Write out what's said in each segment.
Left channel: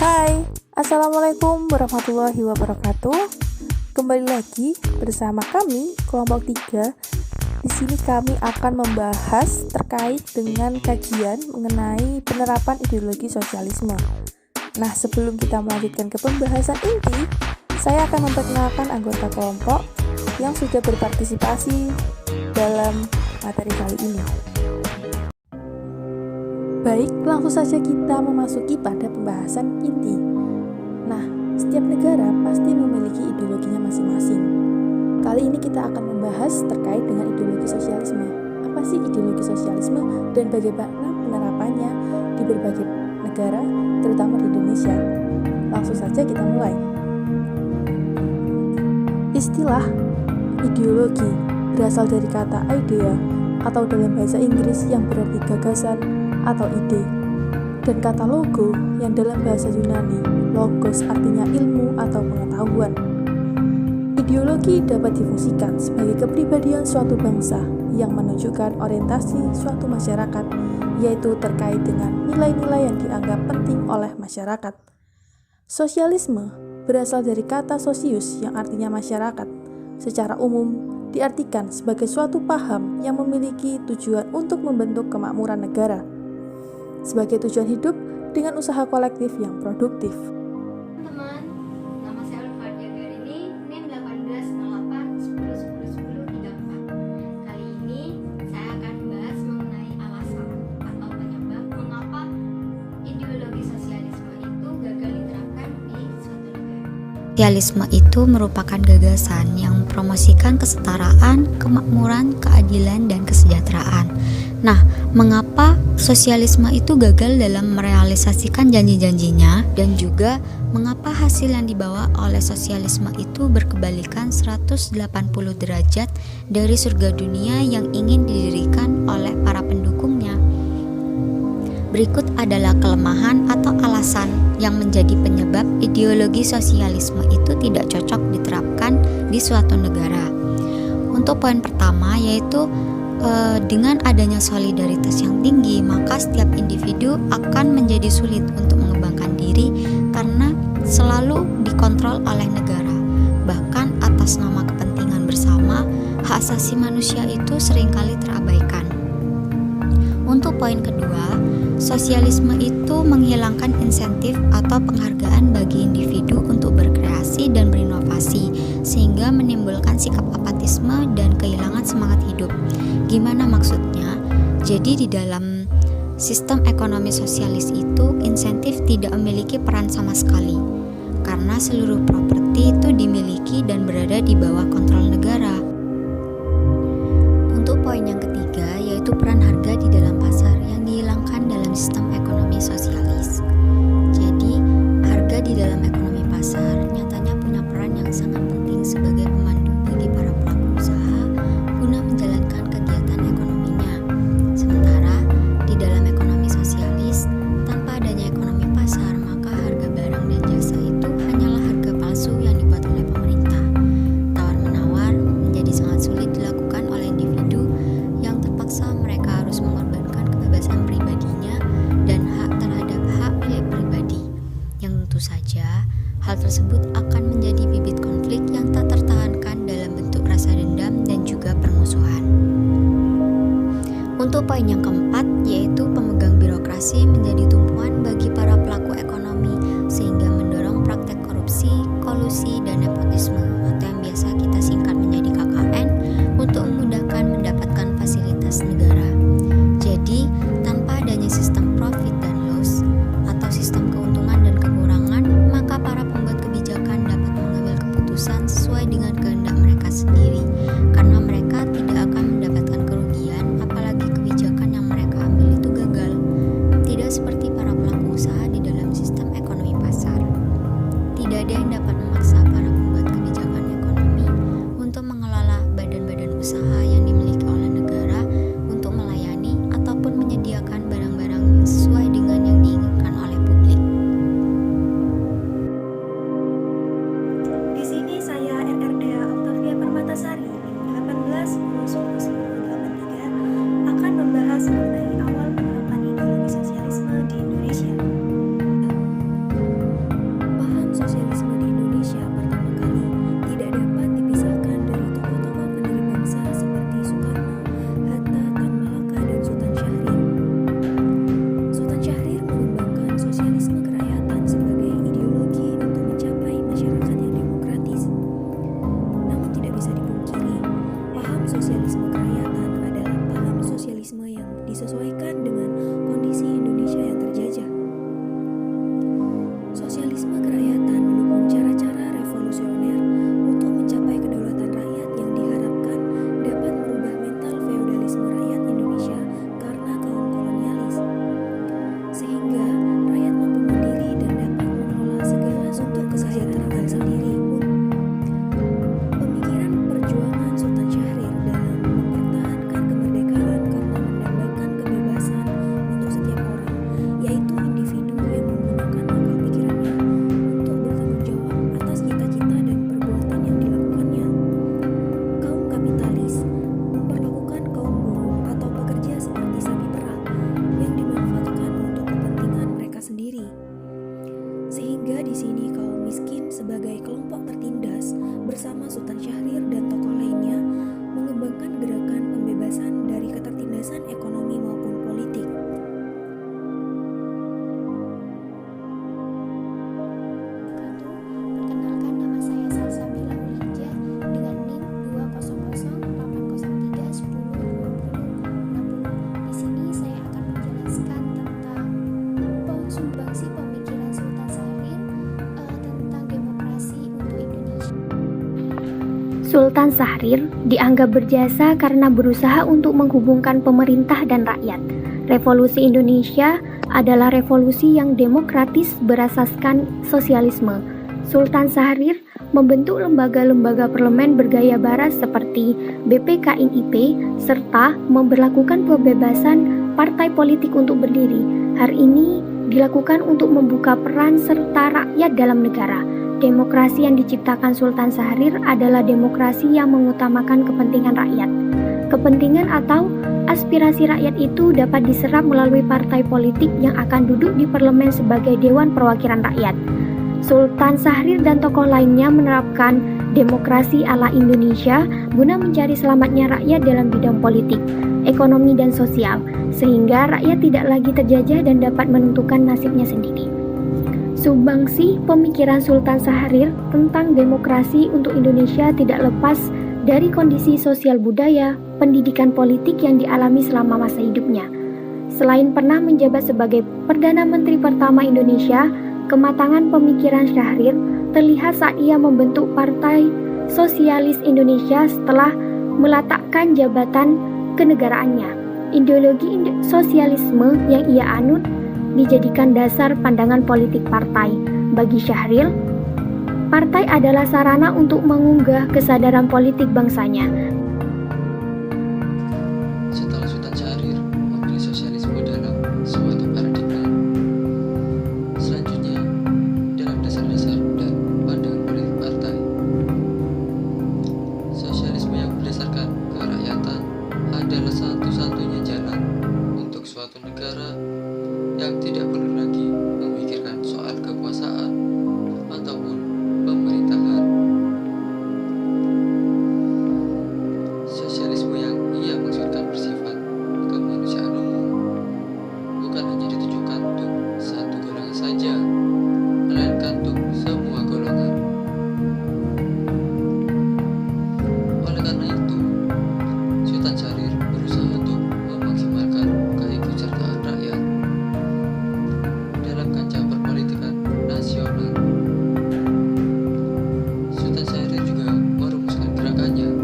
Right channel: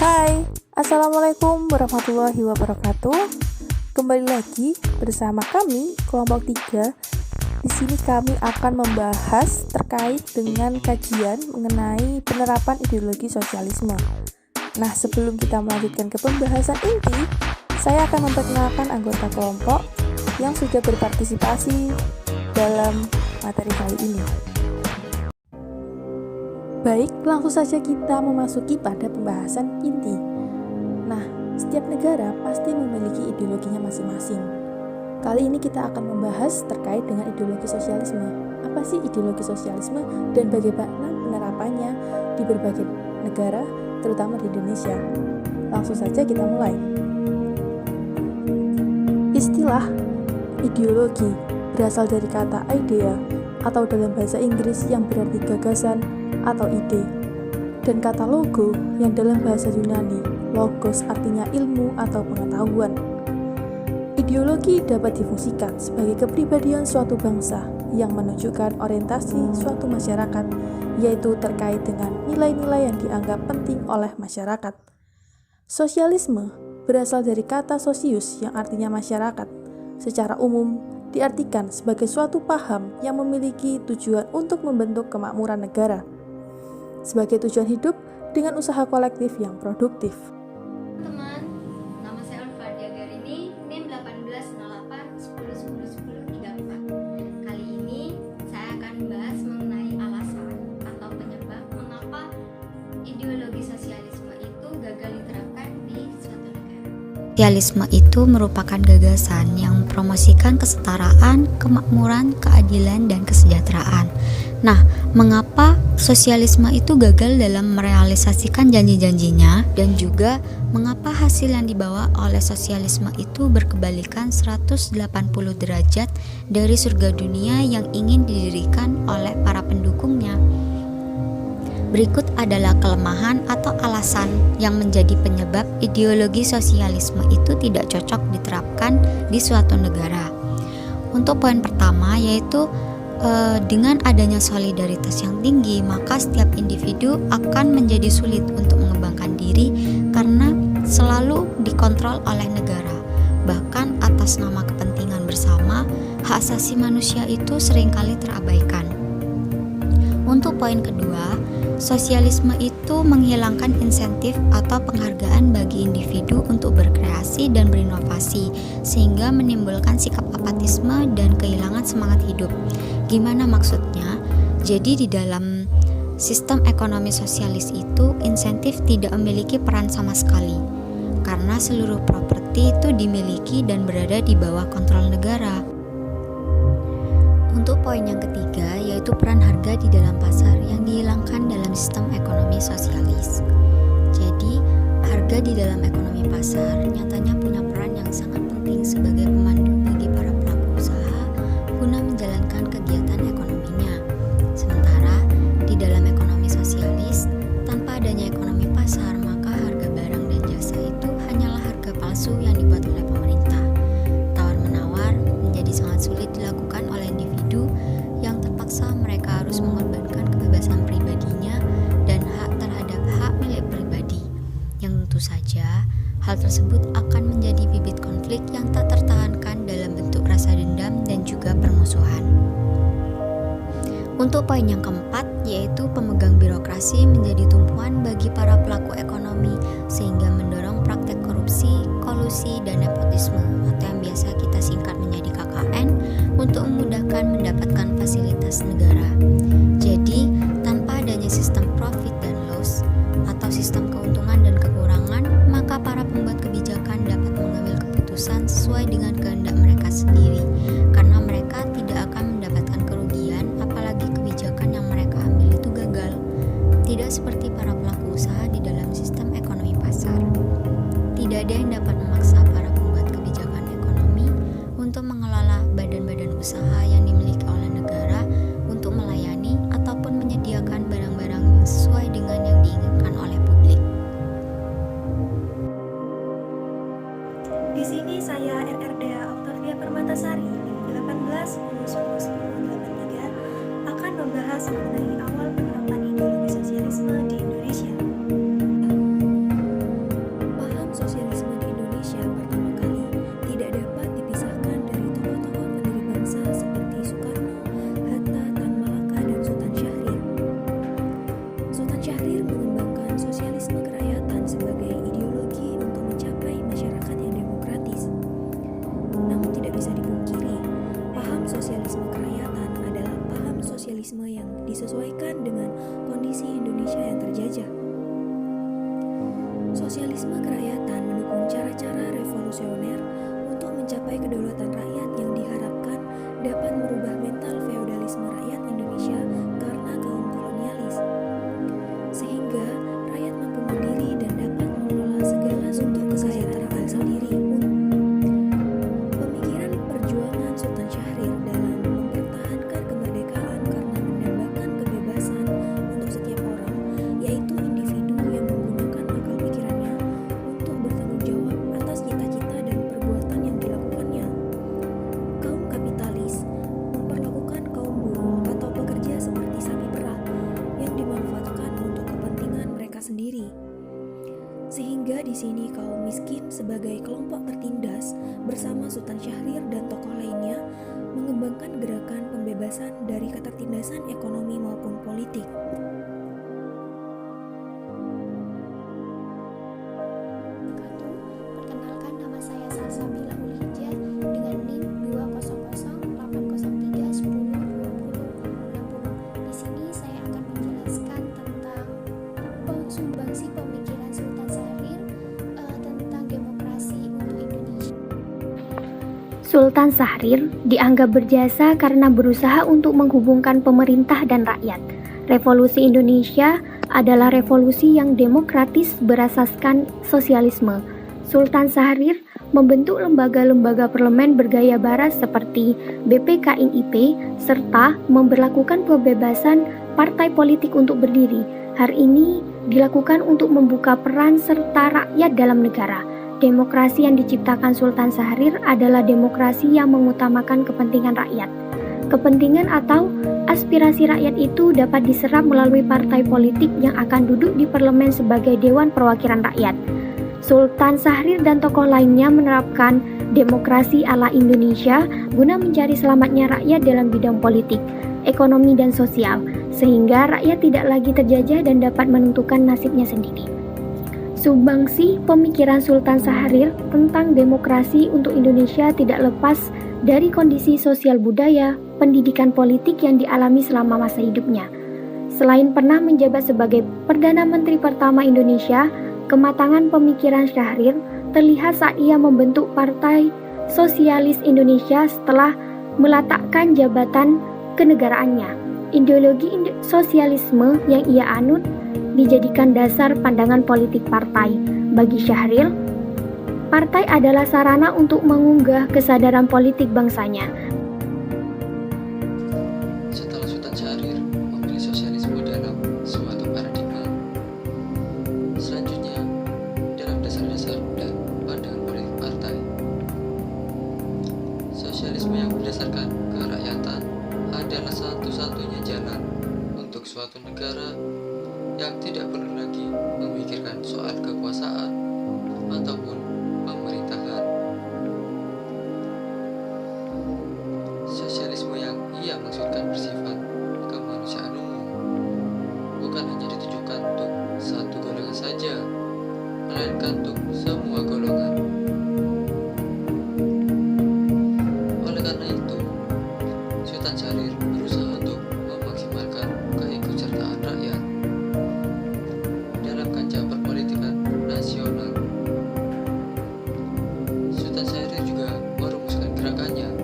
Hai, Assalamualaikum warahmatullahi wabarakatuh. Kembali lagi bersama kami, kelompok 3. Di sini kami akan membahas terkait dengan kajian mengenai penerapan ideologi sosialisme. Nah, sebelum kita melanjutkan ke pembahasan inti, saya akan memperkenalkan anggota kelompok yang sudah berpartisipasi dalam materi kali ini. Baik, langsung saja kita memasuki pada pembahasan inti. Nah, setiap negara pasti memiliki ideologinya masing-masing. Kali ini kita akan membahas terkait dengan ideologi sosialisme. Apa sih ideologi sosialisme dan bagaimana penerapannya di berbagai negara, terutama di Indonesia? Langsung saja kita mulai. Istilah ideologi berasal dari kata idea atau dalam bahasa Inggris yang berarti gagasan atau ide, dan kata logo yang dalam bahasa Yunani logos artinya ilmu atau pengetahuan. Ideologi dapat difungsikan sebagai kepribadian suatu bangsa yang menunjukkan orientasi suatu masyarakat, yaitu terkait dengan nilai-nilai yang dianggap penting oleh masyarakat. Sosialisme berasal dari kata sosius yang artinya masyarakat. Secara umum diartikan sebagai suatu paham yang memiliki tujuan untuk membentuk kemakmuran negara sebagai tujuan hidup dengan usaha kolektif yang produktif. Teman-teman, nama saya Ulfadia Garini, NIM 180810101034. Kali ini saya akan membahas mengenai alasan atau penyebab mengapa ideologi sosialisme itu gagal diterapkan di suatu negara. Sosialisme itu merupakan gagasan yang mempromosikan kesetaraan, kemakmuran, keadilan, dan kesejahteraan. Nah, mengapa sosialisme itu gagal dalam merealisasikan janji-janjinya, dan juga mengapa hasil yang dibawa oleh sosialisme itu berkebalikan 180 derajat dari surga dunia yang ingin didirikan oleh para pendukungnya? Berikut adalah kelemahan atau alasan yang menjadi penyebab ideologi sosialisme itu tidak cocok diterapkan di suatu negara. Untuk poin pertama yaitu dengan adanya solidaritas yang tinggi, maka setiap individu akan menjadi sulit untuk mengembangkan diri karena selalu dikontrol oleh negara. Bahkan atas nama kepentingan bersama, hak asasi manusia itu seringkali terabaikan. Untuk poin kedua, sosialisme itu menghilangkan insentif atau penghargaan bagi individu untuk berkreasi dan berinovasi, sehingga menimbulkan sikap apatisme dan kehilangan semangat hidup. Gimana maksudnya? Jadi di dalam sistem ekonomi sosialis itu insentif tidak memiliki peran sama sekali, karena seluruh properti itu dimiliki dan berada di bawah kontrol negara. Untuk poin yang ketiga yaitu peran harga di dalam pasar yang dihilangkan dalam sistem ekonomi sosialis. Jadi harga di dalam ekonomi pasar nyatanya punya peran yang sangat penting sebagai pemandu bagi para pelaku usaha guna menjalankan kegiatan ekonominya. Sementara di dalam ekonomi sosialis, tanpa adanya ekonomi pasar, maka harga barang dan jasa itu hanyalah harga palsu yang dibuat oleh pemerintah. Tawar-menawar menjadi sangat sulit dilakukan oleh individu yang terpaksa mereka harus mengorbankan kebebasan pribadinya dan hak terhadap hak milik pribadi, yang tentu saja hal tersebut akan menjadi bibit konflik yang tak tertahankan dalam bentuk rasa dendam dan juga permusuhan. Untuk poin yang keempat, yaitu pemegang birokrasi menjadi tumpuan bagi para pelaku ekonomi sehingga mendorong praktek korupsi, kolusi, dan nepotisme atau yang biasa kita singkat menjadi KKN untuk memudahkan mendapatkan fasilitas negara. Jadi, tanpa adanya sistem profit dan loss atau sistem keuntungan dan kekurangan, maka para pembuat kebijakan dapat mengambil keputusan sesuai dengan kehendak mereka sendiri, karena mereka tidak akan mendapatkan kerugian apalagi kebijakan yang mereka ambil itu gagal. Tidak seperti para pelaku usaha di dalam sistem ekonomi pasar. Tidak ada yang dapat memaksa para pembuat kebijakan ekonomi untuk mengelola badan-badan usaha yang dimiliki oleh negara untuk melayani ataupun menyediakan barang-barang yang sesuai dengan yang diinginkan oleh publik. Di sini saya RRDA Octavia Permatasari 1810101083 akan membahas mengenai awal penerapan ideologi sosialisme di Indonesia. sosialisme kerakyatan sebagai ideologi untuk mencapai masyarakat yang demokratis. Namun tidak bisa dipungkiri, paham sosialisme kerakyatan adalah paham sosialisme yang disesuaikan dengan kondisi Indonesia yang terjajah. Sosialisme kerakyatan mendukung cara-cara revolusioner untuk mencapai kedaulatan rakyat yang diharapkan dapat merubah mental feodalisme rakyat Indonesia karena kaum kolonialis, sehingga rakyat mampu mandiri dan dapat mengelola segala sumber kesejahteraan sendiri. Pemikiran perjuangan Sultan Syahrir dalam mempertahankan kemerdekaan karena mendambakan kebebasan untuk setiap orang, yaitu individu yang menggunakan akal pikirannya untuk bertanggung jawab atas cita-cita dan perbuatan yang dilakukannya. Kaum kapitalis memperlakukan kaum buruh atau pekerja seperti sapi perah yang dimanfaatkan untuk kepentingan mereka sendiri. Sehingga di sini kaum miskin sebagai kelompok tertindas bersama Sultan Syahrir dan tokoh lainnya mengembangkan gerakan pembebasan dari ketertindasan ekonomi maupun politik. Perkenalkan, nama saya Salsabila Ulhijjah dengan NIM 2008081102060. Di sini saya akan menjelaskan tentang sumbangsi pemikiran Sultan Syahrir tentang demokrasi untuk Indonesia. Sultan Syahrir dianggap berjasa karena berusaha untuk menghubungkan pemerintah dan rakyat. Revolusi Indonesia adalah revolusi yang demokratis berasaskan sosialisme. Sultan Syahrir membentuk lembaga-lembaga parlemen bergaya barat seperti BPKINIP serta memberlakukan kebebasan partai politik untuk berdiri. Hal ini dilakukan untuk membuka peran serta rakyat dalam negara. Demokrasi yang diciptakan Sultan Syahrir adalah demokrasi yang mengutamakan kepentingan rakyat. Kepentingan atau aspirasi rakyat itu dapat diserap melalui partai politik yang akan duduk di parlemen sebagai Dewan Perwakilan Rakyat. Sultan Syahrir dan tokoh lainnya menerapkan demokrasi ala Indonesia guna mencari selamatnya rakyat dalam bidang politik, ekonomi, dan sosial, sehingga rakyat tidak lagi terjajah dan dapat menentukan nasibnya sendiri. Sumbangsi pemikiran Sultan Syahrir tentang demokrasi untuk Indonesia tidak lepas dari kondisi sosial budaya, pendidikan politik yang dialami selama masa hidupnya. Selain pernah menjabat sebagai Perdana Menteri pertama Indonesia, kematangan pemikiran Syahrir terlihat saat ia membentuk Partai Sosialis Indonesia setelah meletakkan jabatan kenegaraannya. Ideologi sosialisme yang ia anut dijadikan dasar pandangan politik partai. Bagi Syahrir, partai adalah sarana untuk mengunggah kesadaran politik bangsanya. Setelah Sultan Syahrir memilih sosialisme dalam suatu paradigma, selanjutnya dalam dasar-dasar dan pandangan politik partai, sosialisme yang berdasarkan kerakyatan adalah satu-satunya jalan untuk suatu negara yang tidak perlu lagi memikirkan soal kekuasaan ataupun pemerintahan. Sosialisme yang ia maksudkan bersifat kemanusiaan umum, bukan hanya ditujukan untuk satu golongan saja, melainkan untuk semua golongan. Oleh karena itu, Sultan Syahrir berusaha untuk memaksimalkan keikutsertaan rakyat dalam kancah perpolitikan nasional. Sultan Syahrir juga merumuskan gerakannya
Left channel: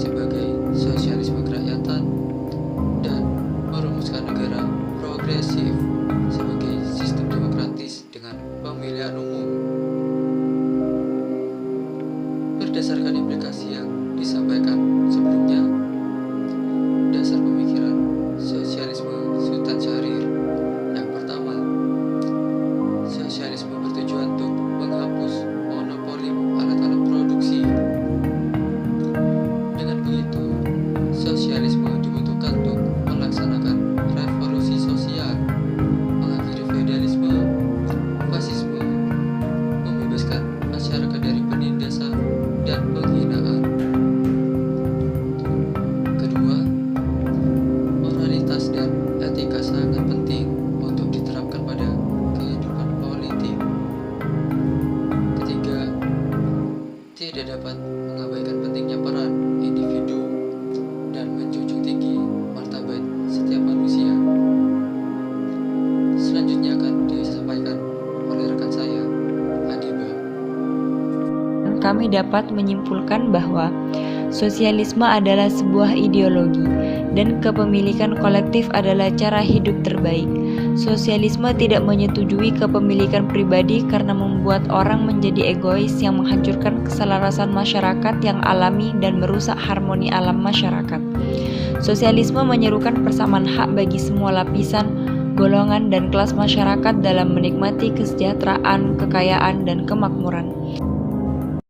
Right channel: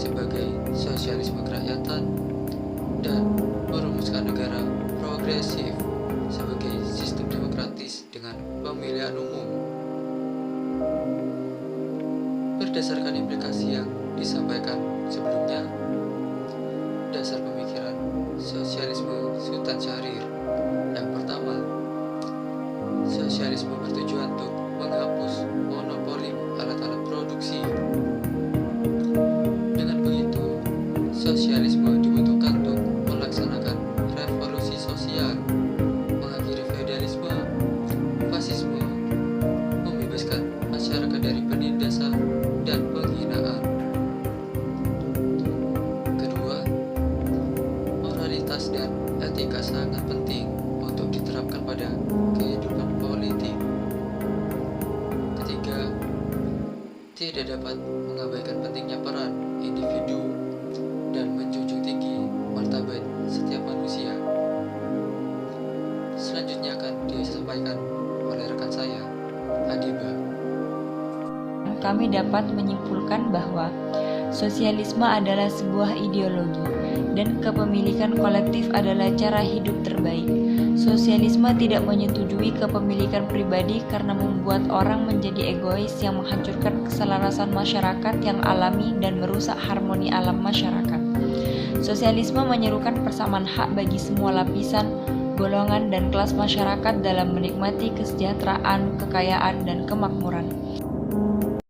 sebagai sosialisme kerakyatan dan merumuskan negara progresif sebagai sistem demokratis dengan pemilihan umum. Berdasarkan implikasi yang disampaikan sebelumnya, dasar pemikiran sosialisme Sultan Syahrir yang pertama, sosialisme bertujuan untuk menghapus monopoli alat-alat produksi. Dengan begitu, sosialisme dibutuhkan untuk melaksanakan revolusi sosial, mengakhiri feodalisme, fasisme, membebaskan masyarakat dari penindasan dan penghinaan. Kedua, moralitas dan etika sangat penting untuk diterapkan pada tidak dapat mengabaikan pentingnya peran individu dan menjunjung tinggi martabat setiap manusia. Selanjutnya akan disampaikan oleh rekan saya, Adiba. Kami dapat menyimpulkan bahwa sosialisme adalah sebuah ideologi dan kepemilikan kolektif adalah cara hidup terbaik. Sosialisme tidak menyetujui kepemilikan pribadi karena membuat orang menjadi egois yang menghancurkan keselarasan masyarakat yang alami dan merusak harmoni alam masyarakat. Sosialisme menyerukan persamaan hak bagi semua lapisan, golongan, dan kelas masyarakat dalam menikmati kesejahteraan, kekayaan, dan kemakmuran.